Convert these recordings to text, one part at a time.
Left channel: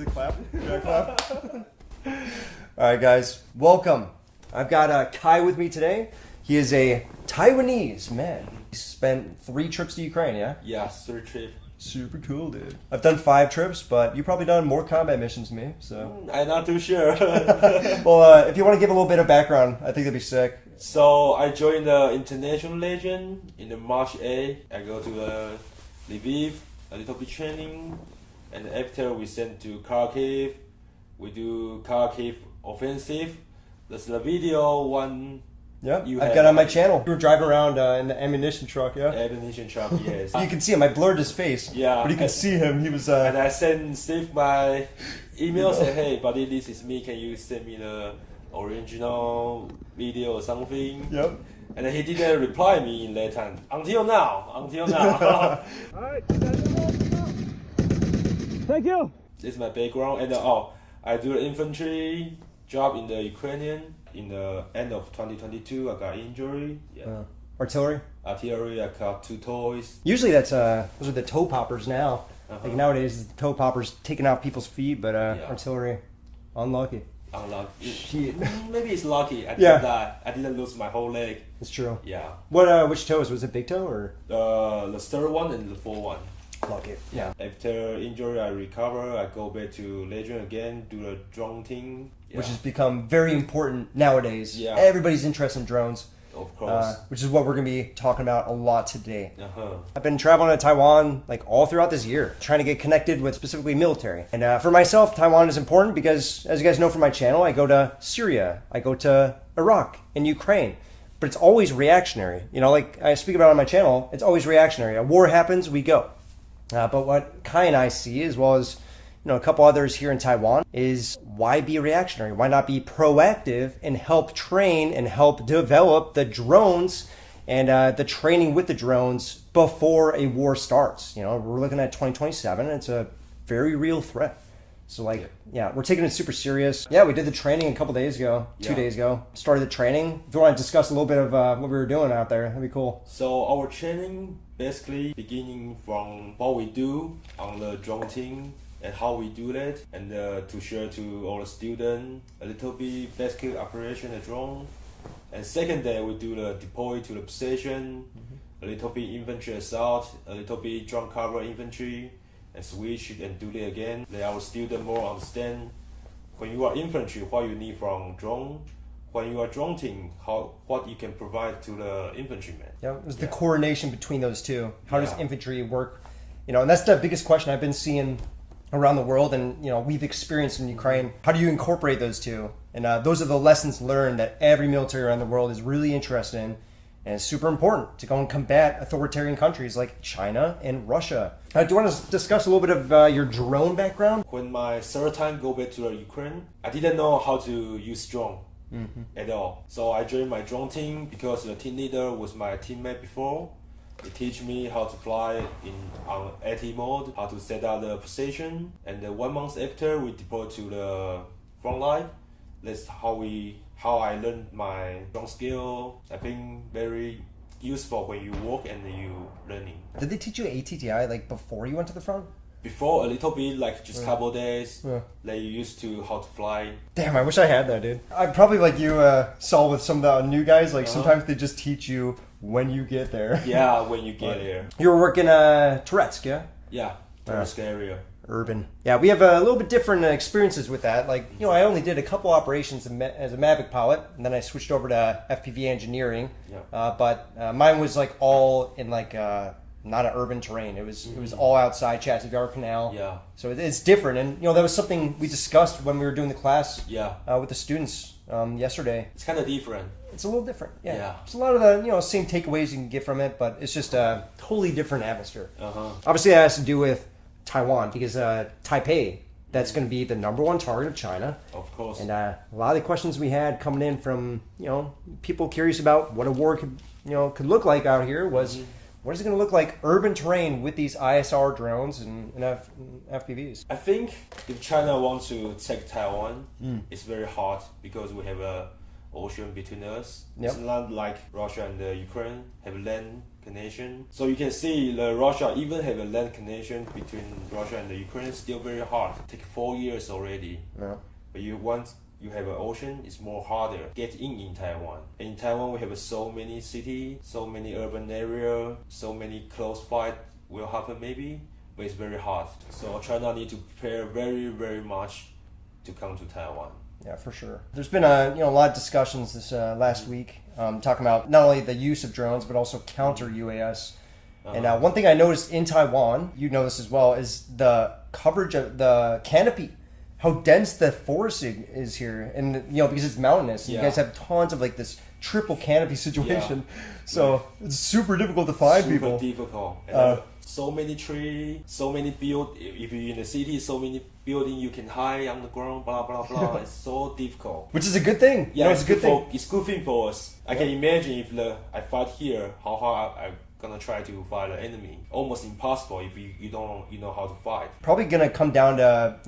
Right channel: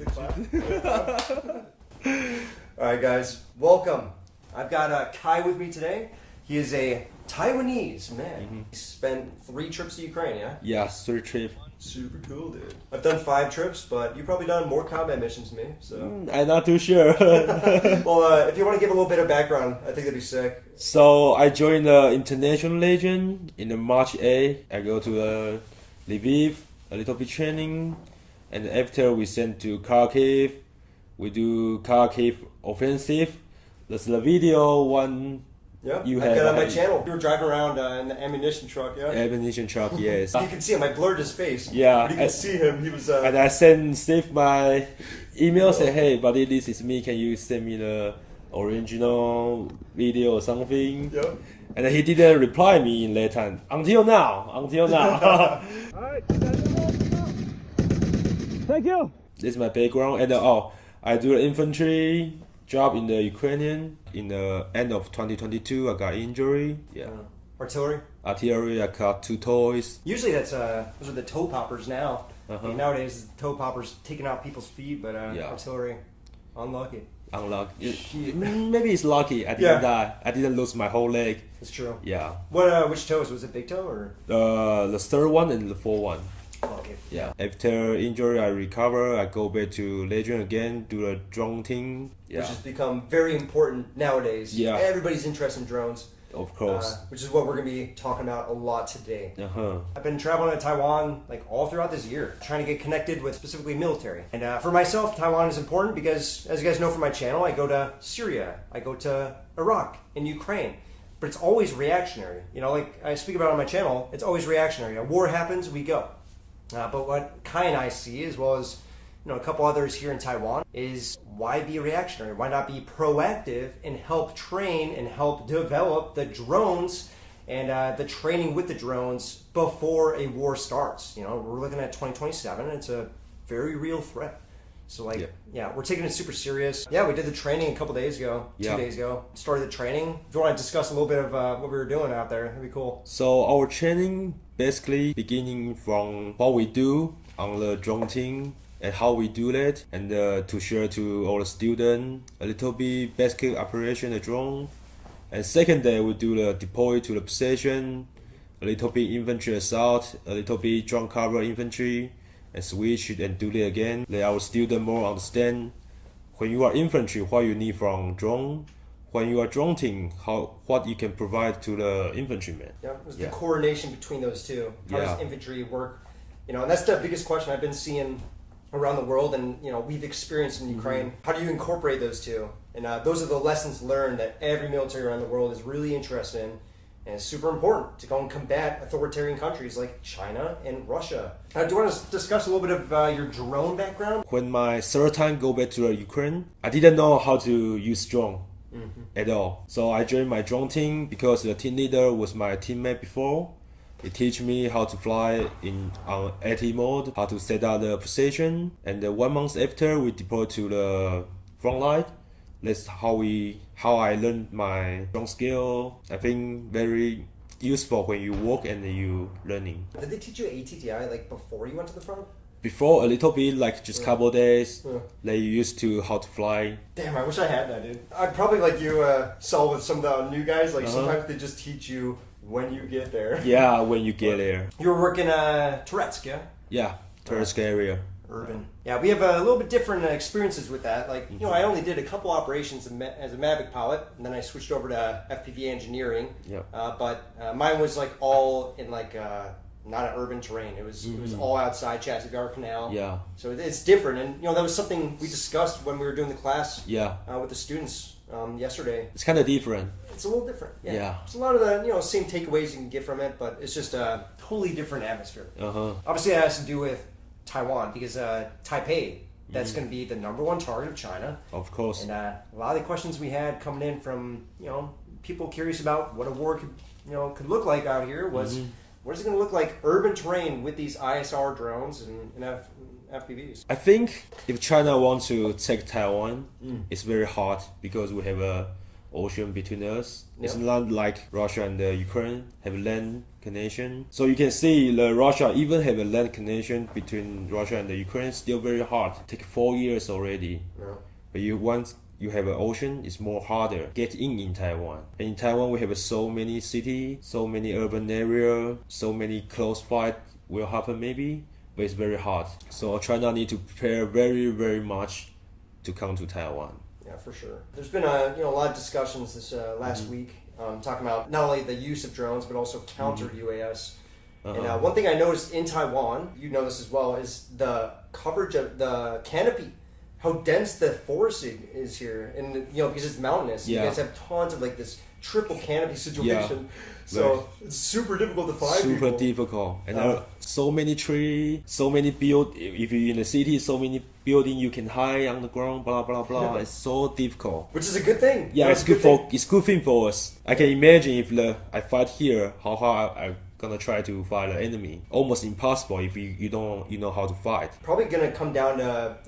do the clap. All right, guys, welcome. I've got Kai with me today. He is a Taiwanese man. He spent 3 trips to Ukraine, yeah? Yeah, 3 trips. Super cool, dude. I've done 5 trips, but you've probably done more combat missions than me, so... I'm not too sure. Well, if you want to give a little bit of background, I think that'd be sick. So, I joined the International Legion in the March 8. I go to Lviv, a little bit training, and after we sent to Kharkiv. We do Kharkiv offensive. That's the video one. Yeah, I've got it on my channel. We were driving around in the ammunition truck, yeah? Ammunition truck, yes. You can see him, I blurred his face. Yeah. But you can see him, he was... And I sent Steve my email, say, hey buddy, this is me, can you send me the original video or something? Yep. And he didn't reply me in that time. Until now. Alright, thank you. This is my background. And I do the infantry job in the Ukrainian. In the end of 2022, I got injury. Yeah. Artillery? Artillery, I got 2 toys. Usually those are the toe poppers now. Like nowadays, the toe poppers taking out people's feet, but artillery, unlucky. Unlucky. Maybe it's lucky. I didn't die. I didn't lose my whole leg. That's true. Yeah. Which toes? Was it big toe or? The third one and the fourth one. Okay. Yeah. After injury, I recover. I go back to Legion again, do the drone thing. Yeah. Which has become very important nowadays. Yeah. Everybody's interested in drones. Of course. Which is what we're going to be talking about a lot today. Uh-huh. I've been traveling to Taiwan like all throughout this year, trying to get connected with specifically military. And for myself, Taiwan is important because, as you guys know from my channel, I go to Syria, I go to Iraq and Ukraine. But it's always reactionary. You know, like I speak about on my channel, it's always reactionary. A war happens, we go. But what Kai and I see, as well as a couple others here in Taiwan, is why be reactionary? Why not be proactive and help train and help develop the drones and the training with the drones before a war starts? You know, we're looking at 2027. It's a very real threat. So we're taking it super serious. Yeah, we did the training a couple days ago, 2 days ago. Started the training. If you want to discuss a little bit of what we were doing out there, that'd be cool. So our training basically beginning from what we do on the drone team and how we do that, and to share to all the students a little bit basic operation of drone. And second day we do the deploy to the position, a little bit infantry assault, a little bit drone cover infantry, and switch and do it again. Let our students more understand when you are infantry what you need from drone. When you are drone team, what you can provide to the infantryman. Yeah, it's the coordination between those two. How does infantry work? You know, and that's the biggest question I've been seeing around the world, and we've experienced in Ukraine. How do you incorporate those two? And those are the lessons learned that every military around the world is really interested in, and it's super important to go and combat authoritarian countries like China and Russia. Do you want to discuss a little bit of your drone background? When my third time go back to the Ukraine, I didn't know how to use drone. At all. So I joined my drone team because the team leader was my teammate before. He teach me how to fly on AT mode, how to set up the position, and 1 month after we deploy to the front line. That's how I learned my drone skill. I think very useful when you work and you learning. Did they teach you ATTI like before you went to the front? Before, a little bit, like just couple days, they used to how to fly. Damn, I wish I had that, dude. I'd probably like you saw with some of the new guys, like sometimes they just teach you when you get there. Yeah, when you get there. You were working Touretsk, yeah? Yeah, Touretsk area. Urban. Yeah, we have a little bit different experiences with that. Like, I only did a couple operations as a Mavic pilot, and then I switched over to FPV engineering. Yeah. But mine was like all in like... not an urban terrain. It was all outside Chassis-Gar Canal. Yeah. So it's different, and that was something we discussed when we were doing the class. With the students yesterday. It's kind of different. It's a little different. Yeah. There's a lot of the same takeaways you can get from it, but it's just a totally different atmosphere. Obviously, that has to do with Taiwan because Taipei. That's going to be the #1 target of China. Of course. And a lot of the questions we had coming in from people curious about what a war could look like out here was. What is it going to look like urban terrain with these ISR drones and FPVs? I think if China wants to take Taiwan, it's very hard because we have a ocean between us. Yep. It's not like Russia and Ukraine have land connection. So you can see the Russia even have a land connection between Russia and the Ukraine. Still very hard. Take 4 years already. Yeah. But once you have an ocean, it's more harder get in Taiwan. And in Taiwan, we have so many cities, so many urban area, so many close fight will happen maybe, but it's very hard. So China need to prepare very, very much to come to Taiwan. Yeah, for sure. There's been a lot of discussions this last week talking about not only the use of drones but also counter UAS. And one thing I noticed in Taiwan, you know this as well, is the coverage of the canopy. How dense the forest is here, and because it's mountainous, you guys have tons of like this triple canopy situation. So it's super difficult to find people. Super difficult, and so many trees, so many build. If you're in the city, so many building you can hide on the ground. Blah blah blah. It's so difficult. Which is a good thing. Yeah, it's good thing. It's good thing for us. I can imagine if I fight here, how hard I gonna try to fight the enemy. Almost impossible if you know how to fight. Probably gonna come down to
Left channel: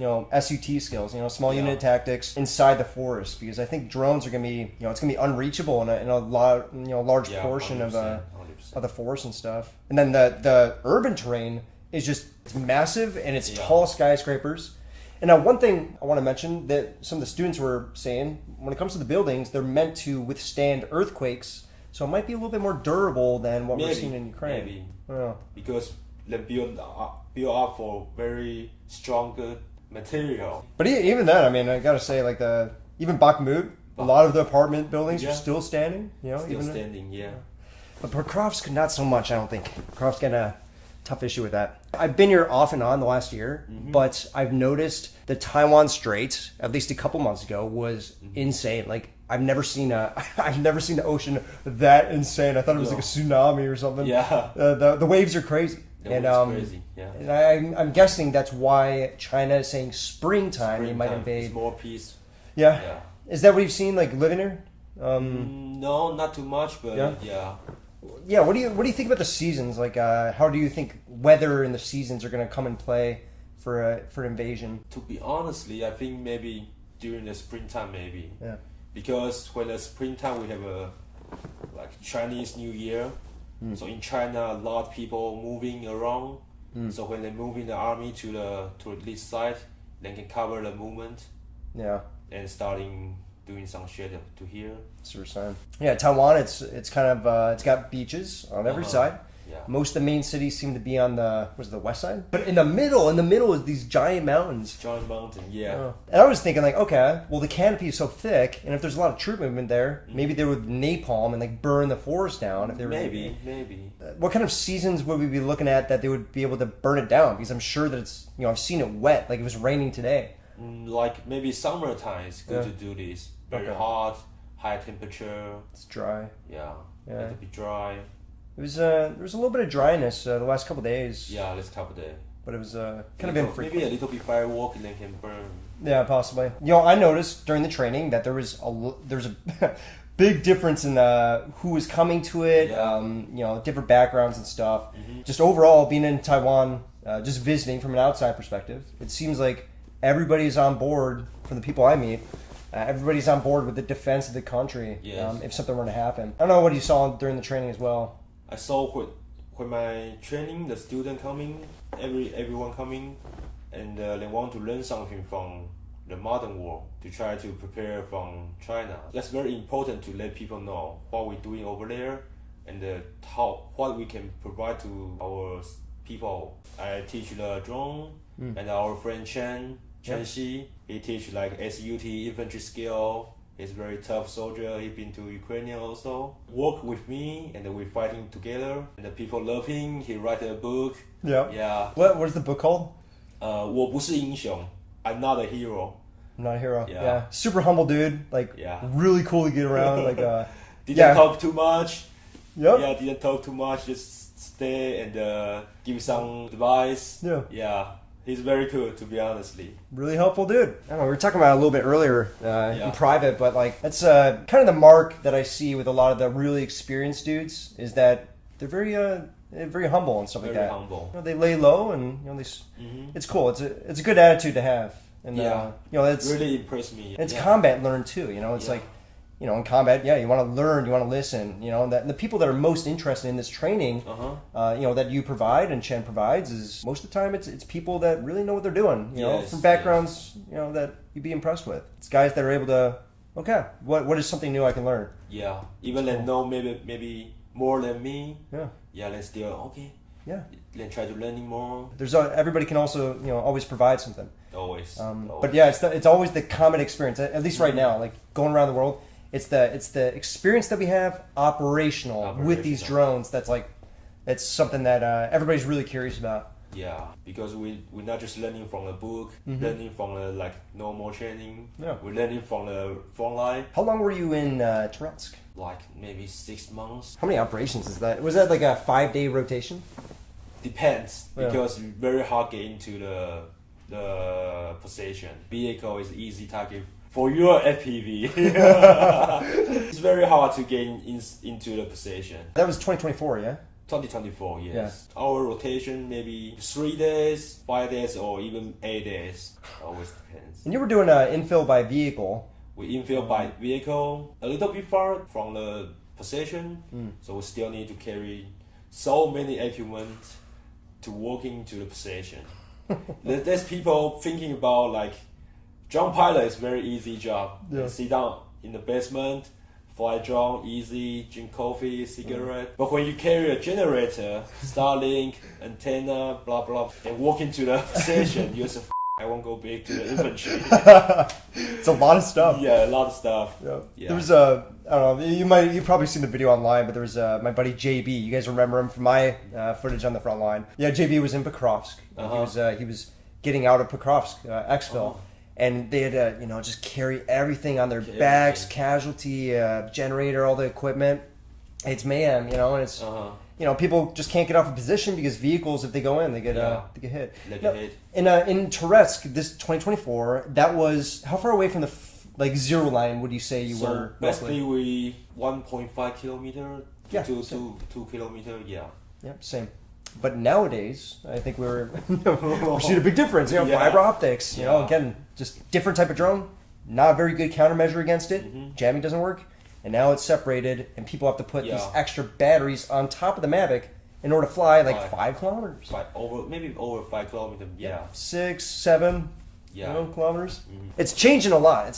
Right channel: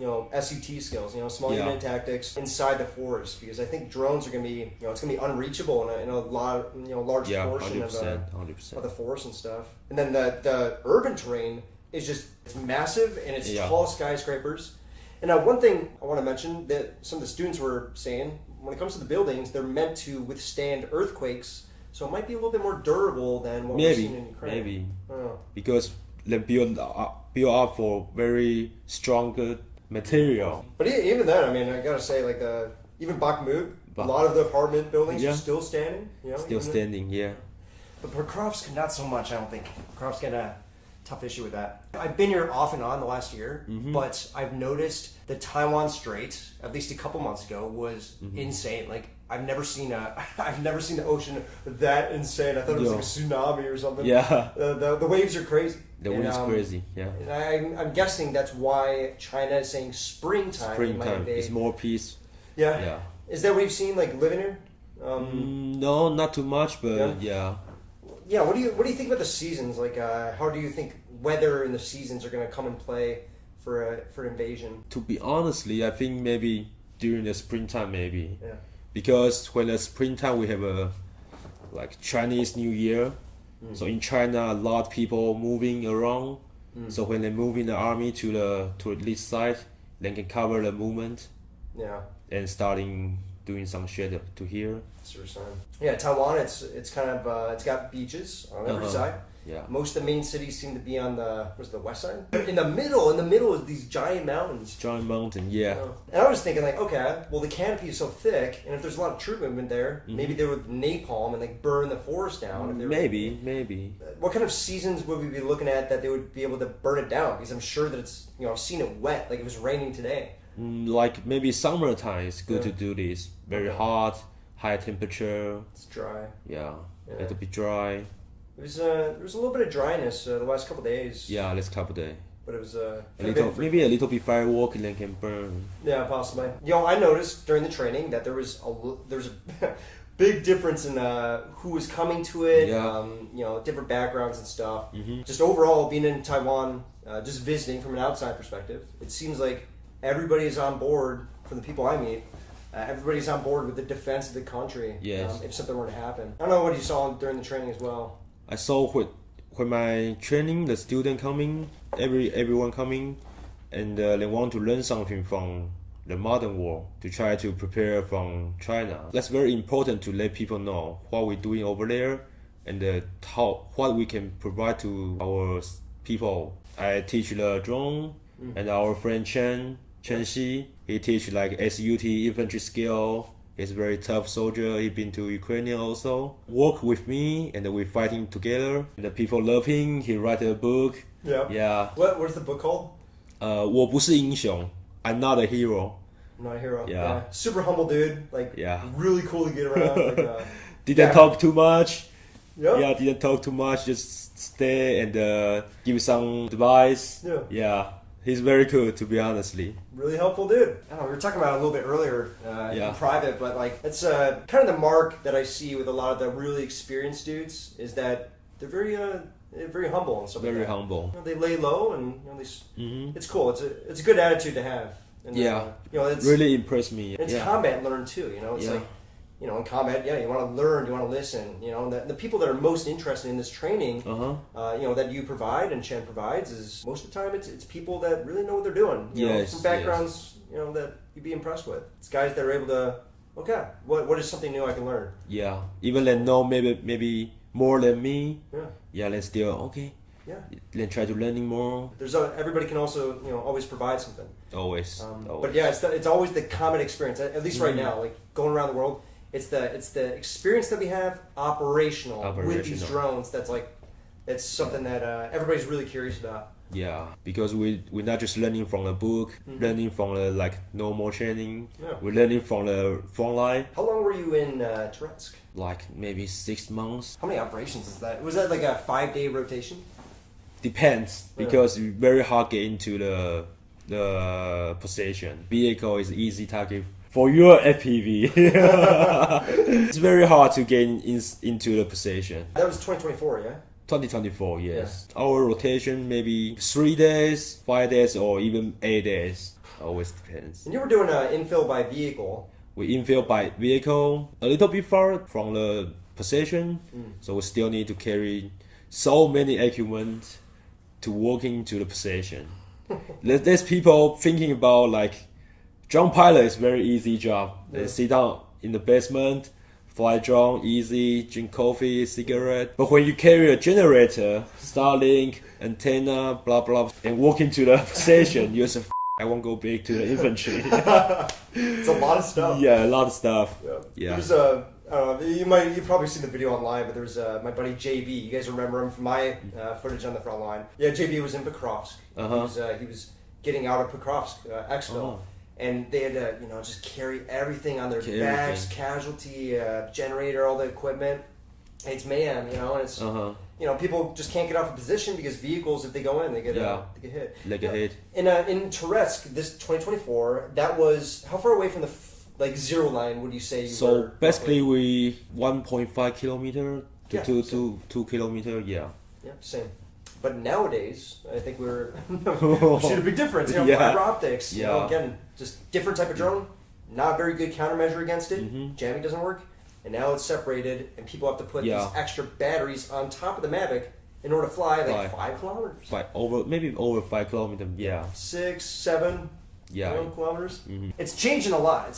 SUT skills, small unit tactics inside the forest, because I think drones are gonna be it's gonna be unreachable in a lot large portion of the forest and stuff. And then the urban terrain is just massive, and it's tall skyscrapers. And now one thing I want to mention that some of the students were saying, when it comes to the buildings, they're meant to withstand earthquakes. So it might be a little bit more durable than what we're seeing in Ukraine. Maybe. Because they build up for very strong material. But even then, I mean, I gotta say, like even Bakhmut, a lot of the apartment buildings are still standing. Still standing, But Pokrovsk, not so much, I don't think. Pokrovsk got a tough issue with that. I've been here off and on the last year, but I've noticed the Taiwan Strait, at least a couple months ago, was insane. Like, I've never seen the ocean that insane. I thought it was like a tsunami or something. Yeah. The waves are crazy. The waves are crazy. Yeah. And I'm guessing that's why China is saying springtime they might invade. It's more peace. Yeah. Is that what you've seen, like living here? No, not too much, but yeah. Yeah. What do you think about the seasons? Like, how do you think weather and the seasons are going to come in play for invasion? To be honestly, I think maybe during the springtime, maybe. Yeah. Because when the springtime we have a Chinese New Year, so in China a lot of people moving around. So when they move in the army to this side, they can cover the movement. Yeah. And starting doing some shit to here. Yeah, Taiwan. It's kind of it's got beaches on every side. Yeah. Most of the main cities seem to be on the west side, but in the middle is these giant mountains. Giant mountain, yeah. And I was thinking like, okay, well the canopy is so thick, and if there's a lot of troop movement there, maybe they would napalm and like burn the forest down. If they were maybe. What kind of seasons would we be looking at that they would be able to burn it down? Because I'm sure that it's I've seen it wet, like it was raining today. Like maybe summertime is good to do this. Very hot, high temperature. It's dry. Yeah. A little bit dry. There was a little bit of dryness the last couple of days. Yeah, last couple of days. But it was maybe a little bit firework and they can burn. Yeah, possibly. I noticed during the training that there's a big difference in who was coming to it. Different backgrounds and stuff. Just overall, being in Taiwan, just visiting from an outside perspective, it seems like everybody is on board. From the people I meet, everybody's on board with the defense of the country. Yes. If something were to happen, I don't know what you saw during the training as well. I saw when my training, the student coming, everyone coming, and they want to learn something from the modern world to try to prepare from China. That's very important to let people know what we're doing over there and what we can provide to our people. I teach the drone, and our friend Chen Xi, he teach like SUT infantry skill. He's a very tough soldier. He's been to Ukrainian also. Work with me and we're fighting together. And the people love him. He write a book. Yeah. What is the book called? 我不是英雄. I'm not a hero. I'm not a hero. Yeah. Super humble dude. Like really cool to get around. Like didn't talk too much. Yep. Yeah, didn't talk too much. Just stay and give some advice. Yeah. He's very cool, to be honestly. Really helpful dude. I don't know, we were talking about it a little bit earlier in private, but like it's kind of the mark that I see with a lot of the really experienced dudes is that they're very humble and stuff like that. Very humble. They lay low and it's cool. It's a good attitude to have. And it's really impressed me. It's combat learned too. It's like you know, in combat, yeah, you want to learn, you want to listen. You know, the people that are most interested in this training, you know, that you provide and Chen provides is most of the time it's people that really know what they're doing. You know, from backgrounds, you know, that you'd be impressed with. It's guys that are able to, okay, what is something new I can learn? Yeah, even they know maybe more than me. Yeah, then still okay. Yeah, then try to learning more. There's everybody can also, you know, always provide something. Always. But yeah, it's always the common experience. At least right now, like going around the world, it's the experience that we have operational with these drones. That's something that everybody's really curious about. Yeah, because we're not just learning from the book, learning from the like normal training. Yeah. We're learning from the front line. How long were you in Touretsk? Like maybe 6 months. How many operations is that? Was that like a 5-day rotation? Depends, because it's very hard to get into the position. Vehicle is easy target for your FPV. It's very hard to get into the position. That was 2024, yeah? 2024, yes. Yeah. Our rotation maybe 3 days, 5 days, or even 8 days. Always depends. And you were doing infill by vehicle. We infill by vehicle a little bit far from the position, so we still need to carry so many equipment to walk into the position. There's people thinking about like drone pilot is very easy job. They sit down in the basement, fly drone, easy, drink coffee, cigarette. But when you carry a generator, Starlink, antenna, blah blah, and walk into the position, you're just I won't go big to the infantry. It's a lot of stuff. Yeah, a lot of stuff. Yeah. There's you've probably seen the video online, but there was my buddy JB. You guys remember him from my footage on the front line. Yeah, JB was in Pokrovsk. He was getting out of Pokrovsk, exfil, and they had to, you know, just carry everything on their backs, casualty, generator, all the equipment. It's mayhem, you know, and it's you know, people just can't get off a position because vehicles, if they go in, they get hit. They get hit. In Touretsk, this 2024, that was how far away from the like zero line would you say you were? So basically, we 1.5 kilometer to 2 kilometer. Yeah. Yeah, same. But nowadays, I think we're seeing a big difference. You know, fiber optics. You know, again, just different type of drone. Not very good countermeasure against it. Jamming doesn't work. And now it's separated, and people have to put these extra batteries on top of the Mavic in order to fly like 5 kilometers. Maybe over 5 kilometers. Yeah. 6, 7 kilometers. It's changing a lot.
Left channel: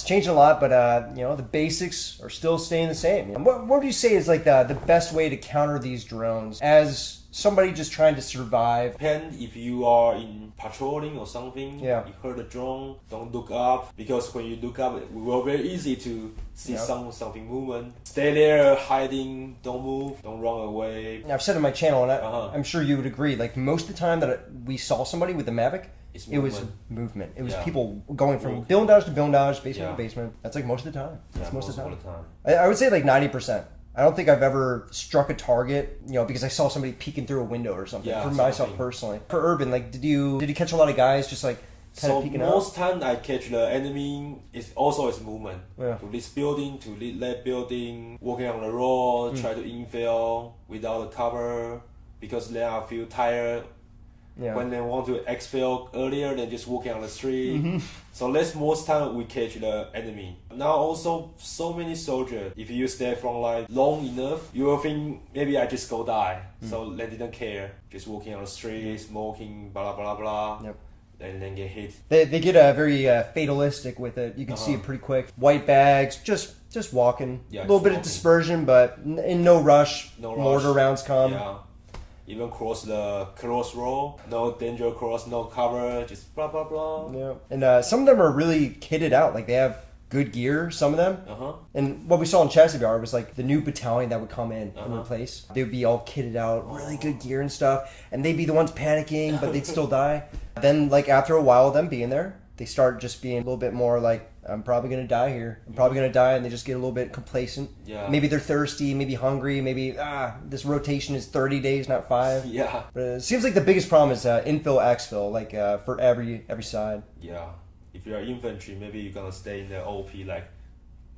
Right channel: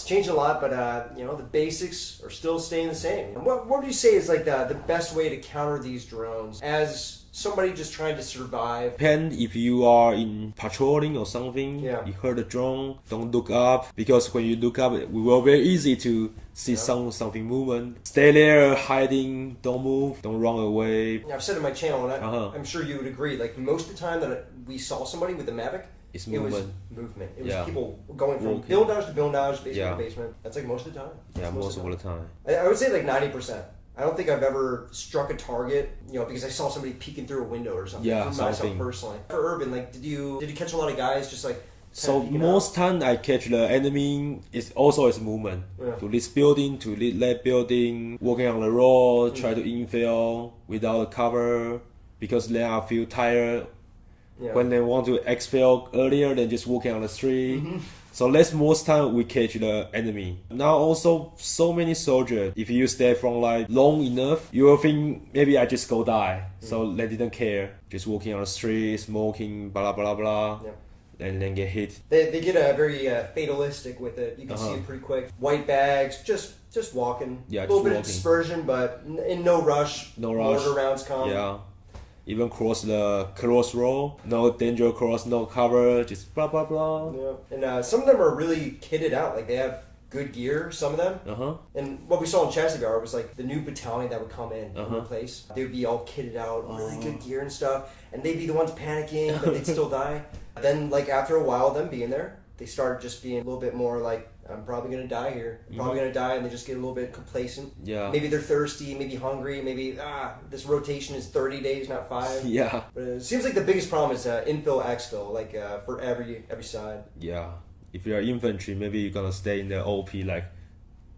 But you know, the basics are still staying the same. What would you say is like the best way to counter these drones as somebody just trying to survive? Depend if you are in patrolling or something. You heard a drone, don't look up, because when you look up, it will be very easy to see something movement. Stay there, hiding, don't move, don't run away. I've said on my channel, and I'm sure you would agree, like most of the time that we saw somebody with the Mavic, it was movement. It was people going from buildage to buildage, basement to basement. That's like most of the time. Yeah, most of the time. I would say like 90%. I don't think I've ever struck a target, you know, because I saw somebody peeking through a window or something. For myself personally. For Urban, like, did you catch a lot of guys just like kind of peeking out? Most time I catch the enemy is also its movement. To this building, to that building, walking on the road, try to infill without a cover, because then I feel tired. When they want to exfil earlier than just walking on the street. So that's most time we catch the enemy. Now also so many soldiers, if you stay from like long enough, you will think maybe I just go die. So they didn't care. Just walking on the street, smoking, blah blah blah. And then get hit. They get very fatalistic with it. You can see it pretty quick. White bags, just walking. A little bit of dispersion, but in no rush. Mortar rounds come. Even cross the road, no danger cross, no cover, just blah blah blah. And some of them are really kitted out. Like they have good gear, some of them. And what we saw in CivDiv was like the new battalion that would come in and replace. They would be all kitted out, really good gear and stuff, and they'd be the ones panicking, but they'd still die. Then like after a while of them being there, they start just being a little bit more like, I'm probably going to die here. I'm probably going to die, and they just get a little bit complacent. Maybe they're thirsty, maybe hungry, maybe, this rotation is 30 days, not 5. But it seems like the biggest problem is infill, exfil, like for every side. If you're infantry, maybe you're going to stay in the OP like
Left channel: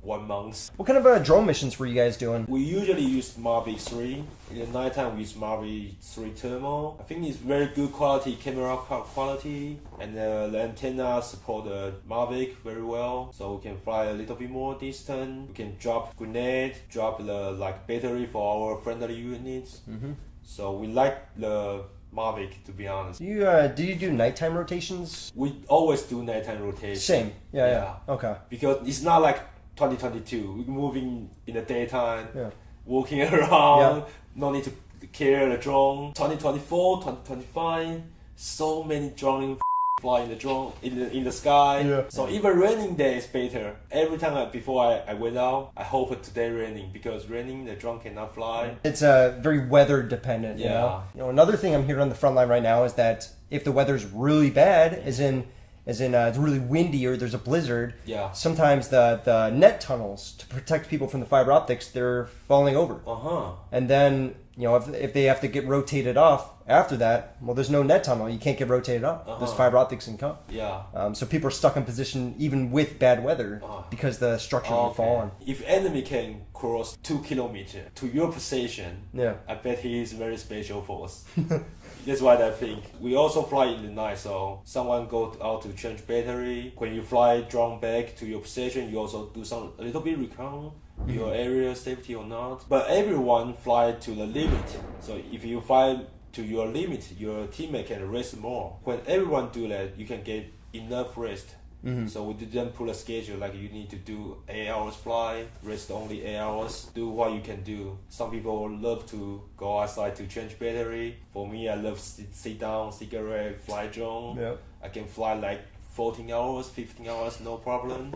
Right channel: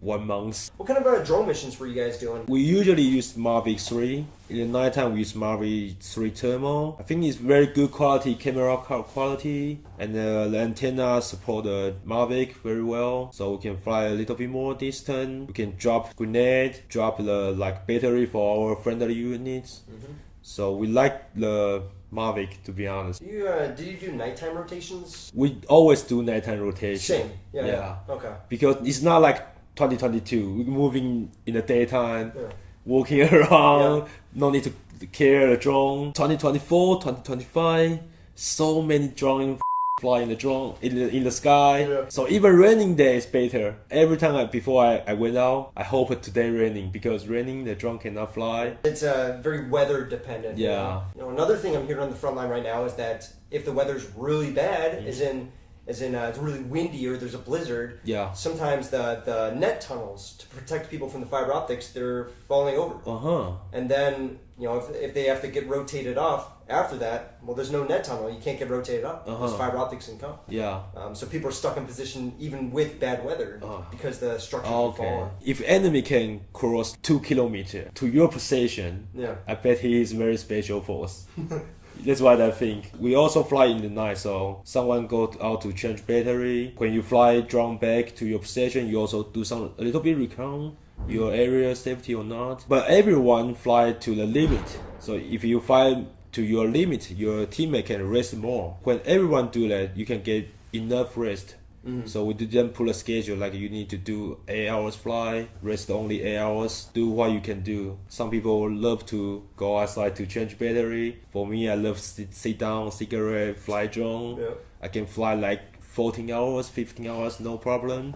1 month. What kind of drone missions were you guys doing? We usually use Mavic 3. In the nighttime, we use Mavic 3 Thermal. I think it's very good quality, camera quality, and the antenna support the Mavic very well, so we can fly a little bit more distance. We can drop grenade, drop the battery for our friendly units. So we like the Mavic, to be honest. Do you do nighttime rotations? We always do nighttime rotation. Same. Yeah. Okay. Because it's not like 2022. We're moving in the daytime, Yeah. walking around, no need to carry a drone. 2024, 2025, so many drones flying the drone in the sky. Yeah. So even raining day is better. Every time before I went out, I hope today raining, because raining the drone cannot fly. It's very weather dependent. Yeah. You know, another thing I'm hearing on the front line right now is that if the weather's really bad, as in it's really windy or there's a blizzard, Yeah. sometimes the net tunnels to protect people from the fiber optics, they're falling over. And then, you know, if they have to get rotated off after that, well, there's no net tunnel. You can't get rotated off. Those fiber optics can come. Yeah. So people are stuck in position even with bad weather because the structure will fall on. If enemy can cross 2 kilometers to your position, Yeah. I bet he is very special force. That's what I think. We also fly in the night, so someone go out to change battery. When you fly drone back to your position, you also do a little bit recon your area safety or not. But everyone fly to the limit. So if you fly to your limit, your teammate can rest more. When everyone do that, you can get enough rest. So we didn't put a schedule like you need to do 8 hours fly, rest only 8 hours, do what you can do. Some people love to go outside to change battery. For me, I love sit down, cigarette, fly drone. Yeah. I can fly like 14 hours, 15 hours, no problem.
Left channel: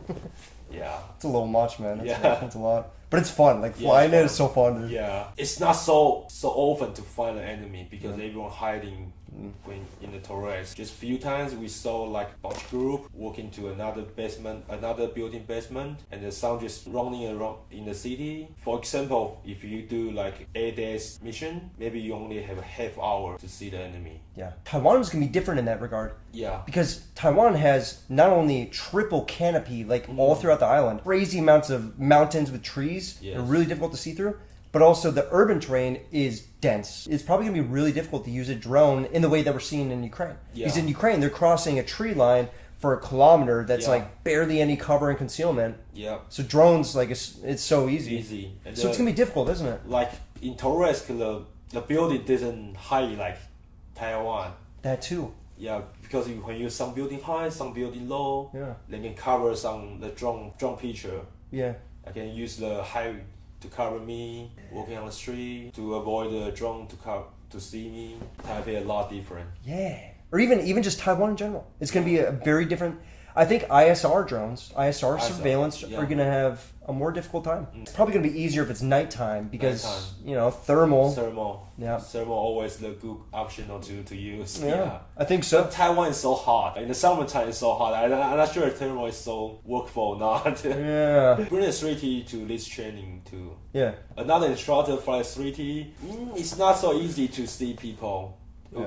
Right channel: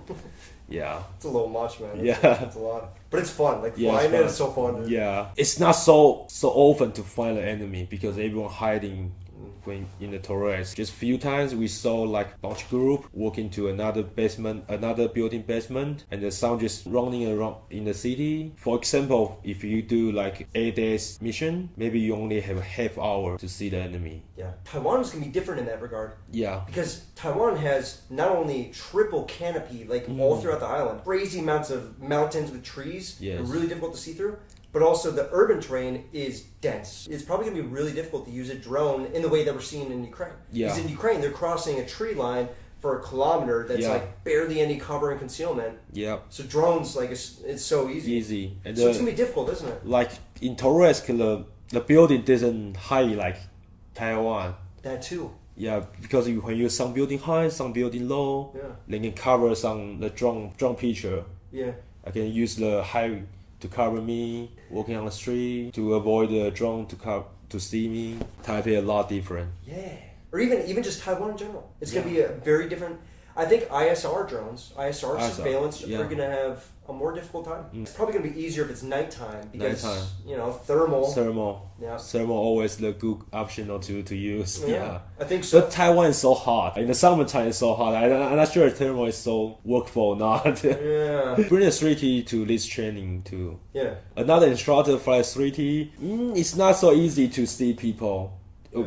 Yeah. It's a little much, man. Yeah. It's a lot. But it's fun. Like Yeah, flying it's it is so fun. Dude. Yeah. It's not so often to find an enemy because everyone hiding when in the terrace. Just few times we saw like bunch group walk into another basement, another building basement, and the sound just running around in the city. For example, if you do like 8 days mission, maybe you only have a half hour to see the enemy. Yeah. Taiwan is going to be different in that regard. Yeah. Because Taiwan has not only triple canopy, like all throughout the island, crazy amounts of mountains with trees, Yes. they're really difficult to see through, but also the urban terrain is dense. It's probably going to be really difficult to use a drone in the way that we're seeing in Ukraine. Yeah. Because in Ukraine, they're crossing a tree line for a kilometer that's Yeah. like barely any cover and concealment. Yeah. So drones, like, it's so easy. Easy. And So it's going to be difficult, isn't it? like in Torres, the building doesn't high like Taiwan. That too. Yeah, because when you some building high, some building low, Yeah. they can cover the drone picture. Yeah. I can use the high to cover me walking on the street to avoid the drone to see me. Taipei a lot different. Yeah. Or even just Taiwan in general. It's going to be a very different. I think ISR drones, ISR surveillance, yeah. are going to have a more difficult time. It's probably going to be easier if it's nighttime because, Nighttime. you know, thermal. Yeah. Thermal always the good option to use. Yeah. I think so. But Taiwan is so hot. In the summertime it's so hot. I'm not sure if thermal is so workable or not. Yeah. Bring a 3T to this training too. Yeah. Another instructor flies 3T. It's not so easy to see people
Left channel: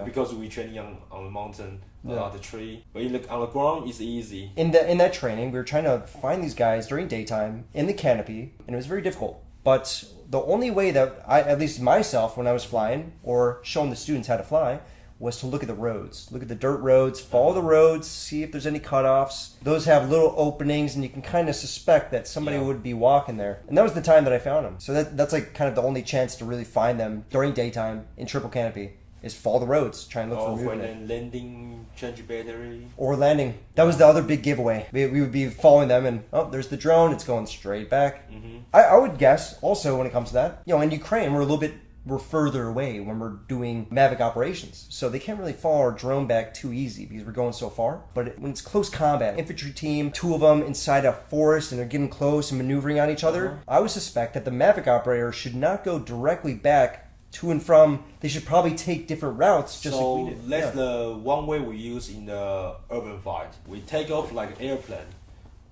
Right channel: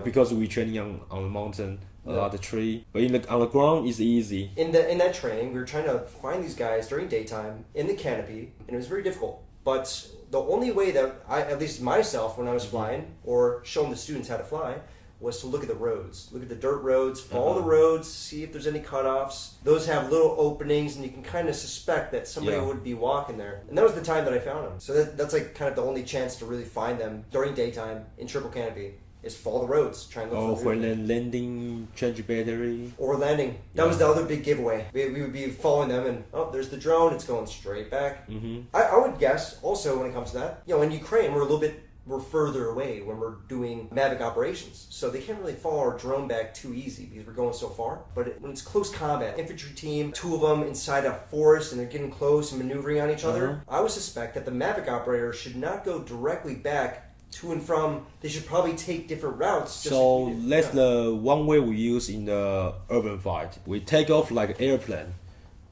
because we training on the mountain. The tree, but on the ground it's easy. In that training, we were trying to find these guys during daytime in the canopy, and it was very difficult. But the only way that I, at least myself, when I was flying or showing the students how to fly, was to look at the roads, look at the dirt roads, follow the roads, see if there's any cutoffs. Those have little openings, and you can kind of suspect that somebody would be walking there. And that was the time that I found them. So that's like kind of the only chance to really find them during daytime in triple canopy. Is follow the roads, try and look for when landing, change battery. or landing. That was the other big giveaway. We would be following them, and there's the drone. It's going straight back. I would guess also when it comes to that, you know, in Ukraine we're further away when we're doing Mavic operations, so they can't really follow our drone back too easy because we're going so far. But when it's close combat, infantry team, 2 of them inside a forest and they're getting close and maneuvering on each other, I would suspect that the Mavic operator should not go directly back to and from. They should probably take different routes. Just So like we did. that's the one way we use in the urban fight. We take off like airplane,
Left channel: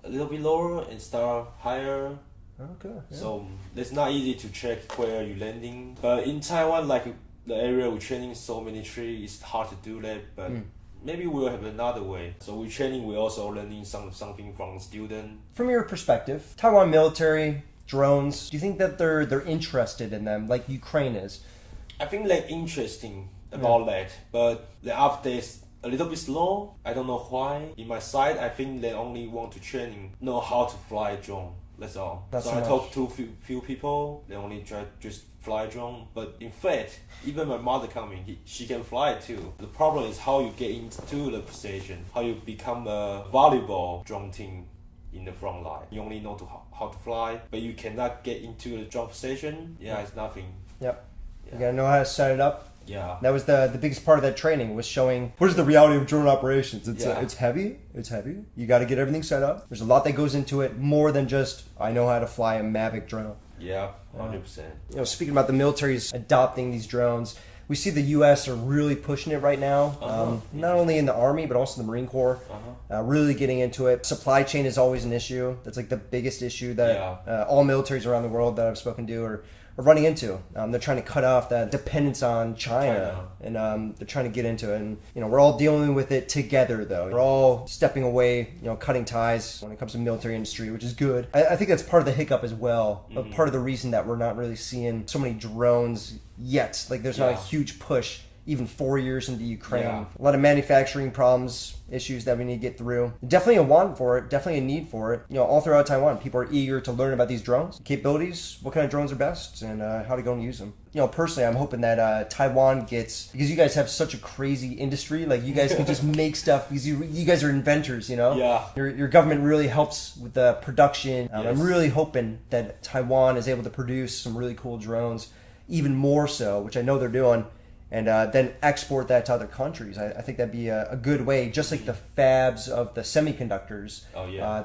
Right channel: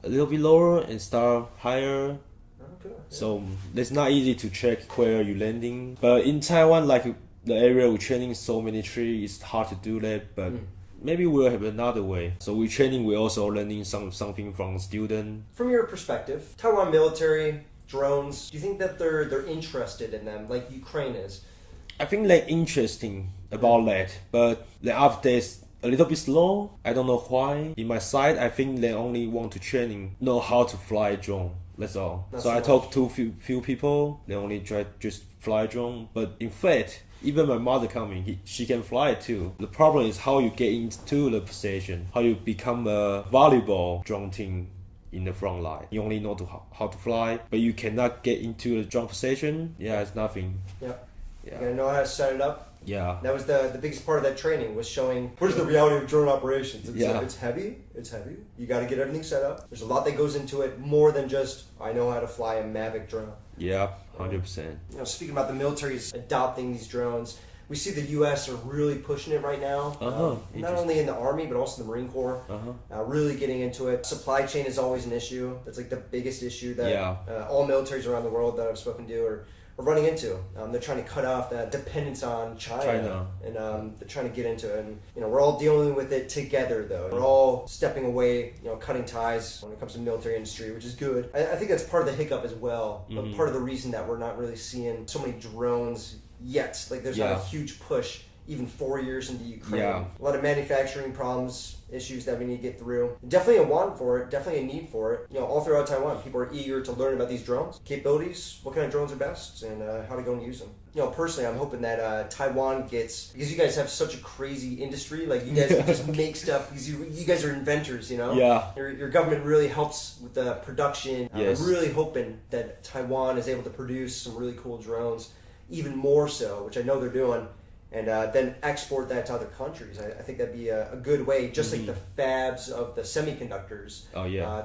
a little bit lower and start higher. Okay. So it's not easy to check where you're landing. But in Taiwan, like the area we're training so many trees, it's hard to do that. But maybe we'll have another way. So we training, we also learning something from student. From your perspective, Taiwan military, drones, do you think that they're interested in them like Ukraine is? I think they're interesting about that, but the updates a little bit slow. I don't know why. In my side, I think they only want to training, know how to fly a drone. That's all. That's so I enough. talked to few people. They only try just fly drone. But in fact, even my mother coming, she can fly it too. The problem is how you get into the position, how you become a valuable drone team in the front line. You only know how to fly, but you cannot get into the drone position. Yeah, it's nothing. Yep. Yeah. You gotta know how to set it up. Yeah. That was the biggest part of that training, was showing what is the reality of drone operations. It's heavy. It's heavy. You got to get everything set up. There's a lot that goes into it, more than just I know how to fly a Mavic drone. Yeah, 100%. You know, speaking about the military's adopting these drones, we see the U.S. are really pushing it right now. Not only in the Army, but also the Marine Corps. Really getting into it. Supply chain is always an issue. That's like the biggest issue that all militaries around the world that I've spoken to are running into. They're trying to cut off that dependence on China. And they're trying to get into it. And you know, we're all dealing with it together, though. We're all stepping away, you know, cutting ties when it comes to the military industry, which is good. I think that's part of the hiccup as well. But part of the reason that we're not really seeing so many drones yet. Like, there's not a huge push even 4 years into Ukraine. A lot of manufacturing problems, issues that we need to get through. Definitely a want for it, definitely a need for it. You know, all throughout Taiwan, people are eager to learn about these drones, capabilities, what kind of drones are best, and how to go and use them. You know, personally, I'm hoping that Taiwan gets, because you guys have such a crazy industry, like you guys can just make stuff, because you guys are inventors, you know? Yeah. Your government really helps with the production. Yes. I'm really hoping that Taiwan is able to produce some really cool drones, even more so, which I know they're doing, and then export that to other countries. I think that'd be a good way, just like the fabs of the semiconductors.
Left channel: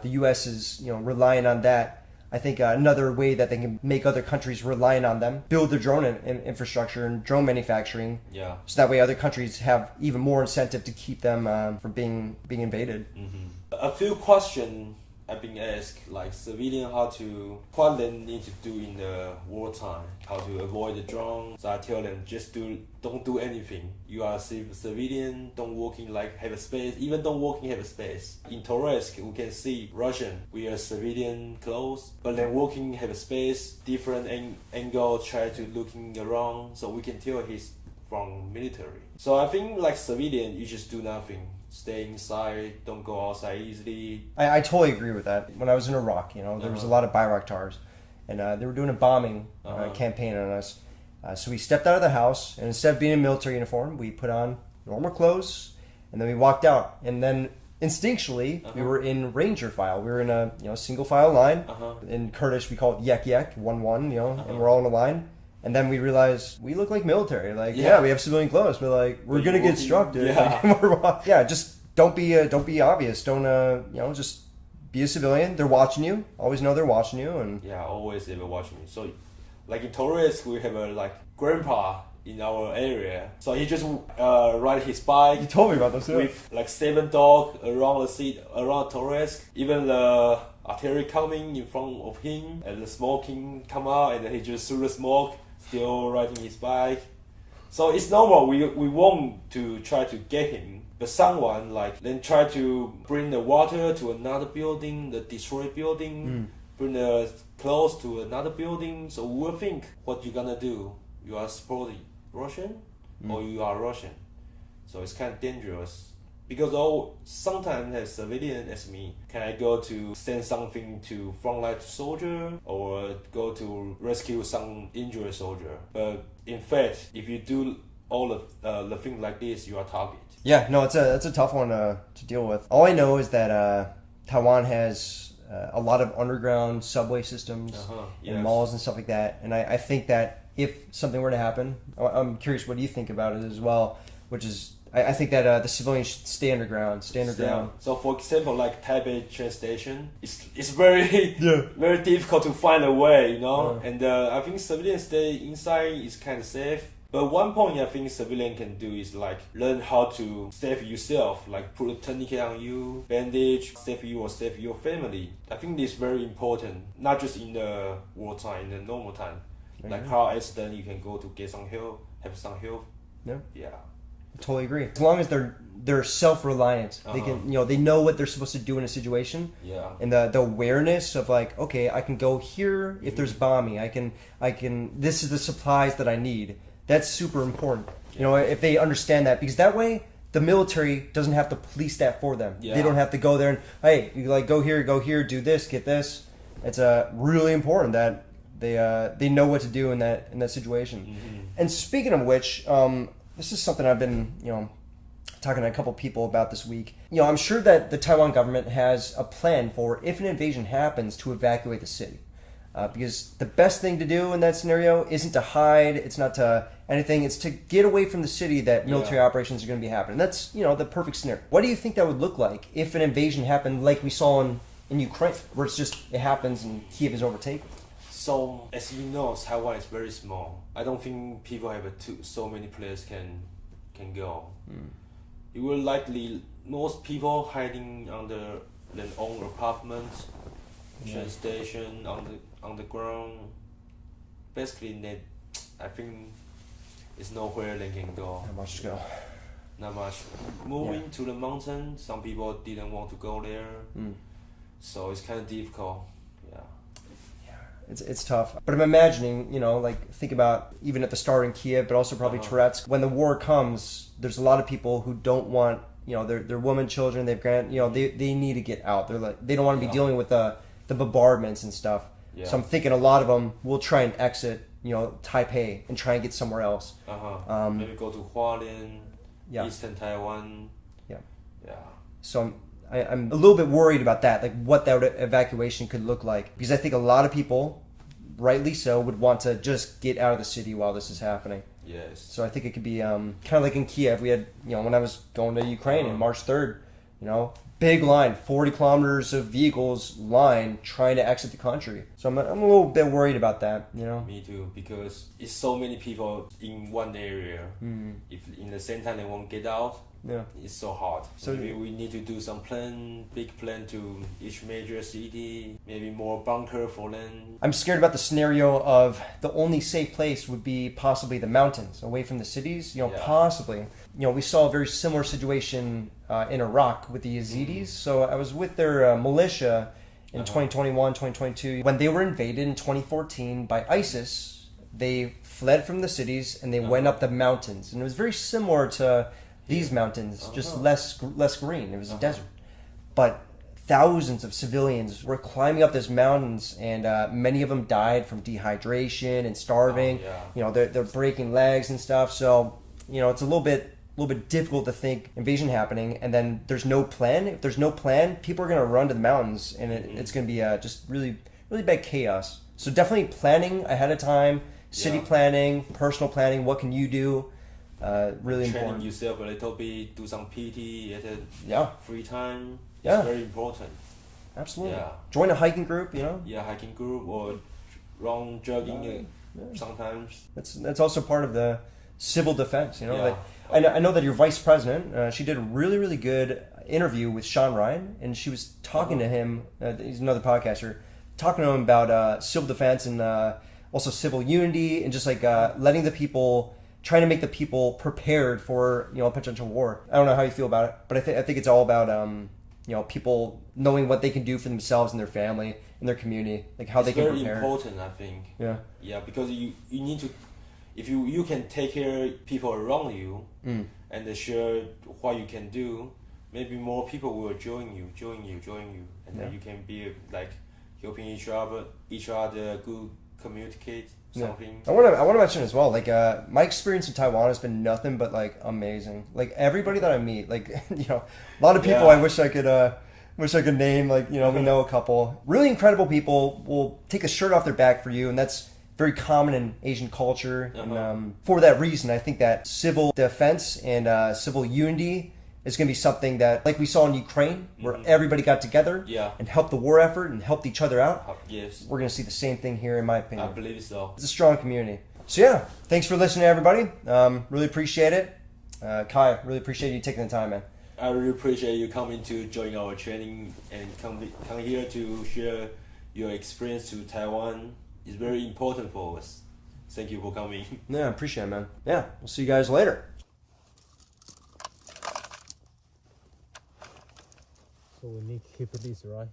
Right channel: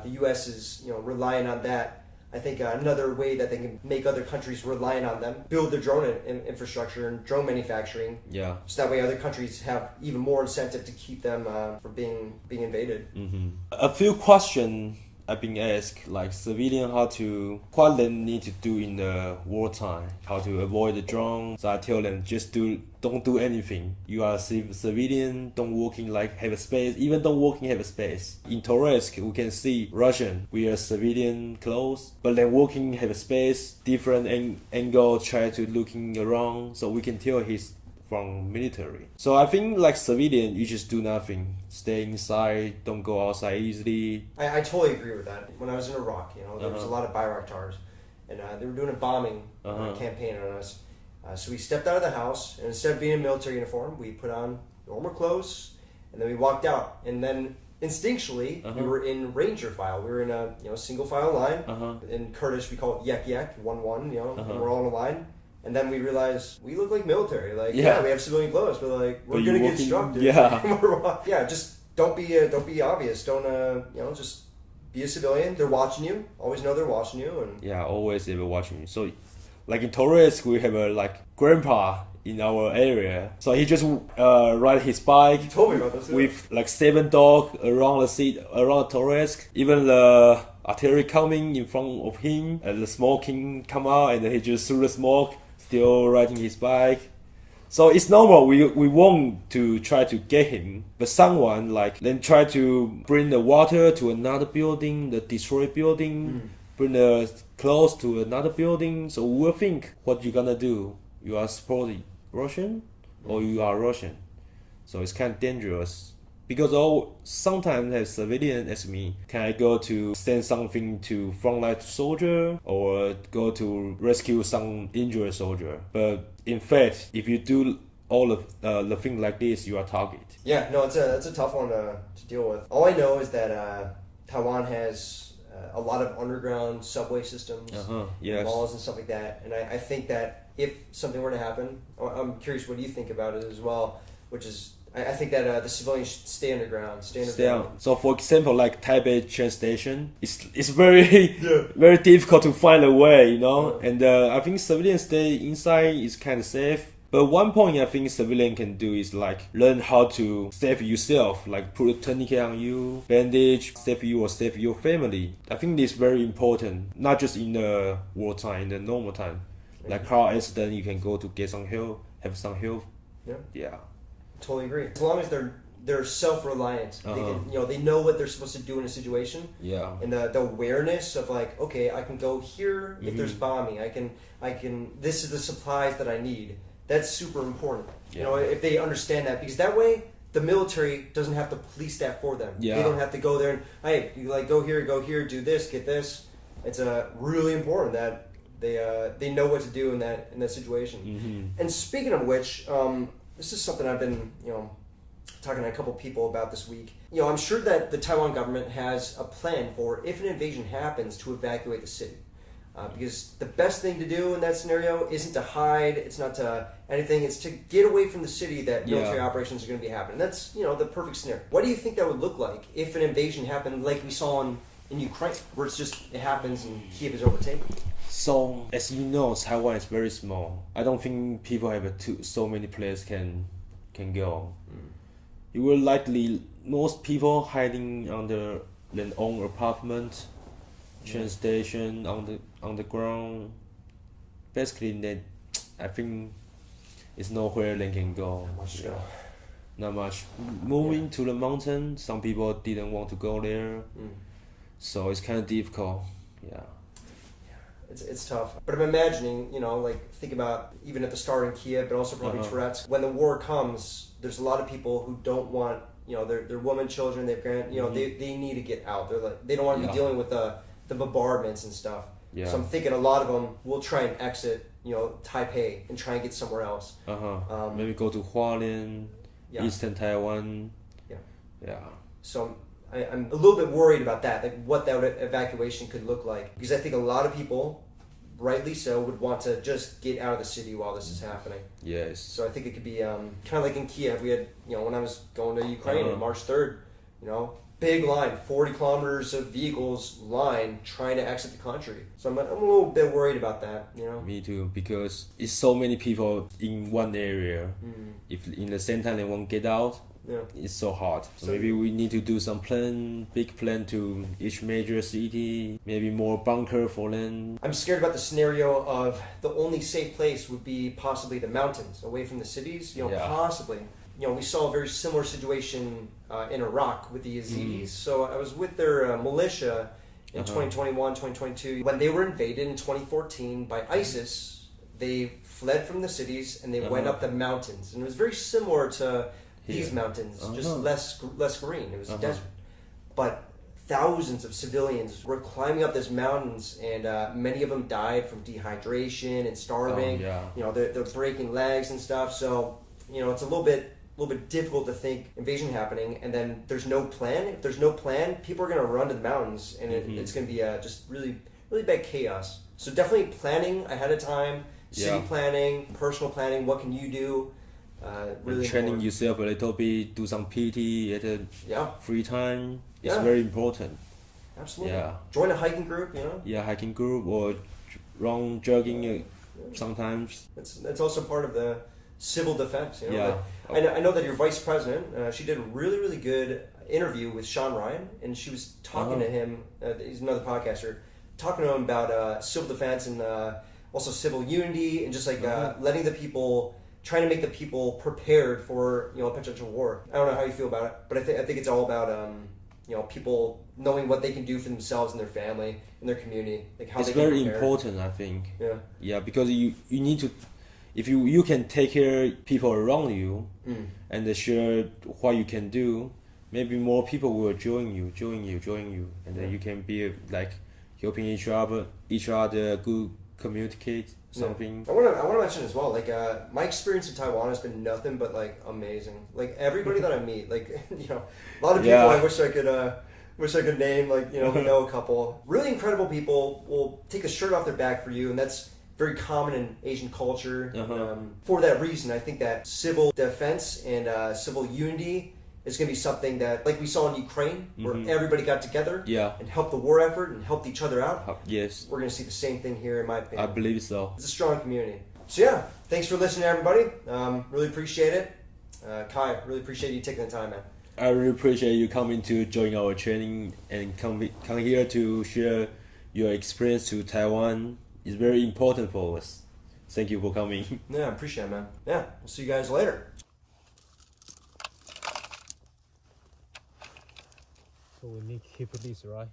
The U.S. is, you know, relying on that. I think another way that they can make other countries relying on them, build their drone infrastructure and drone manufacturing. So that way other countries have even more incentive to keep them from being invaded. A few questions I've been asked, like civilian, what they need to do in the wartime, how to avoid the drone. So I tell them, just don't do anything. You are a civilian, don't walking like have a space, even don't walking have a space. In Torres, we can see Russian, we are civilian clothes, but then walking have a space, different angle, try to looking around, so we can tell he's from military. So I think like civilian, you just do nothing. Stay inside, don't go outside easily. I totally agree with that. When I was in Iraq, you know, there was a lot of Bayraktars, and they were doing a bombing campaign on us. So we stepped out of the house, and instead of being in military uniform, we put on normal clothes, and then we walked out. And then instinctually, we were in ranger file. We were in a single file line. In Kurdish, we call it yek yek, 1-1. You know, and we're all in a line. And then we realized we look like military. Like, we have civilian clothes, but like we're gonna get instructed. Just don't be obvious. Don't just be a civilian. They're watching you. Always know they're watching you. And always they were watching you. So, like in Torres, we have a grandpa in our area. So he just ride his bike. He told me about this with like 7 dogs around the seat around Torres. Even the artillery coming in front of him, and the smoking come out, and then he just threw the smoke. Still riding his bike. So it's normal, we want to try to get him, but someone like then try to bring the water to another building, the destroyed building, bring the clothes to another building. So we'll think what you're gonna do. You are supporting Russian or you are Russian. So it's kind of dangerous. Because sometimes as civilian as me, can I go to send something to frontline soldier or go to rescue some injured soldier? But in fact, if you do all of the things like this, you are target. Yeah, no, it's a tough one to deal with. All I know is that Taiwan has a lot of underground subway systems, malls and stuff like that. And I think that if something were to happen, I'm curious what you think about it as well, which is I think that the civilians should stay underground. So, for example, like Taipei train station, it's very very difficult to find a way, you know. And I think civilians stay inside is kind of safe. But one point I think civilian can do is like learn how to save yourself, like put a tourniquet on you, bandage, save you or save your family. I think this is very important, not just in the wartime, in the normal time. Like car accident, you can go to get some help, have some help. Yeah. Yeah. Totally agree. As long as they're they're self-reliant. They can, they know what they're supposed to do in a situation. Yeah. And the awareness of like, okay, I can go here if there's bombing. I can. This is the supplies that I need. That's super important. Yeah. If they understand that, because that way the military doesn't have to police that for them. Yeah. They don't have to go there and, hey, you like go here, do this, get this. It's really important that they know what to do in that situation. And speaking of which, this is something I've been talking to a couple people about this week. I'm sure that the Taiwan government has a plan for if an invasion happens to evacuate the city. Because the best thing to do in that scenario isn't to hide, it's not to anything, it's to get away from the city that military operations are going to be happening. That's, the perfect scenario. What do you think that would look like if an invasion happened like we saw in Ukraine, where it happens and Kiev is overtaken? So, as you know, Taiwan is very small. I don't think people have so many places can go. You will likely, most people hiding under their own apartment, train station, on the ground. Basically, I think it's nowhere they can go. Not much to go. Not much. Moving to the mountain, some people didn't want to go there. So it's kind of difficult. Yeah. It's tough. But I'm imagining, think about even at the start in Kiev, but also probably Tourette's. When the war comes, there's a lot of people who don't want, their women, children, they've they need to get out. They're like, they don't want to be dealing with the bombardments and stuff. Yeah. So I'm thinking a lot of them will try and exit, Taipei and try and get somewhere else. Maybe go to Hualien, Eastern Taiwan. Yeah. So I'm a little bit worried about that, like what that evacuation could look like, because I think a lot of people, rightly so, would want to just get out of the city while this is happening. Yes. So I think it could be kind of like in Kiev. We had, when I was going to Ukraine on March 3rd, big line, 40 kilometers of vehicles line trying to exit the country. So I'm a little bit worried about that, Me too, because it's so many people in one area. If in the same time they won't get out, it's so hard. So maybe we need to do some big plan to each major city, maybe more bunker for them. I'm scared about the scenario of the only safe place would be possibly the mountains, away from the cities, possibly. We saw a very similar situation in Iraq with the Yazidis. So I was with their militia in 2021, 2022. When they were invaded in 2014 by ISIS, they fled from the cities and they went up the mountains. And it was very similar to these mountains, just less green. It was a desert. But thousands of civilians were climbing up these mountains, and many of them died from dehydration and starving. They're breaking legs and stuff. So, it's a little bit difficult to think invasion happening and then there's no plan. If there's no plan, people are going to run to the mountains, and it's going to be just really, really bad chaos. So definitely planning ahead of time, city planning, personal planning. What can you do? Really training important. yourself a little bit, do some PT at free time. Yeah. It's very important. Absolutely. Yeah. Join a hiking group, hiking group or run jogging sometimes. That's also part of the civil defense, I know that your vice president, she did a really, really good interview with Sean Ryan, and she was talking to him, he's another podcaster, talking to him about civil defense and also civil unity, and just like letting the people, trying to make the people prepared for potential war. I don't know how you feel about it, but I think it's all about people knowing what they can do for themselves and their family and their community, like how it's they can prepare. It's very important, I think. Yeah, because you need to, if you can take care of people around you and share what you can do, maybe more people will join you, and then you can be like helping each other, good communicate something. I want to mention as well, like my experience in Taiwan has been nothing but like amazing. Like everybody that I meet, like a lot of people I wish I could name, like we know a couple really incredible people will take a shirt off their back for you, and that's very common in Asian culture. And for that reason, I think that civil defense and civil unity is going to be something that, like we saw in Ukraine, where everybody got together and helped the war effort and helped each other out. Yes. We're going to see the same thing here, in my opinion. I believe so. It's a strong community. So thanks for listening, everybody. Really appreciate it. Kai, really appreciate you taking the time, man. I really appreciate you coming to join our training and come here to share your experience to Taiwan. It's very important for us. Thank you for coming. Yeah, I appreciate it, man. Yeah, we'll see you guys later. So we need to keep this, right?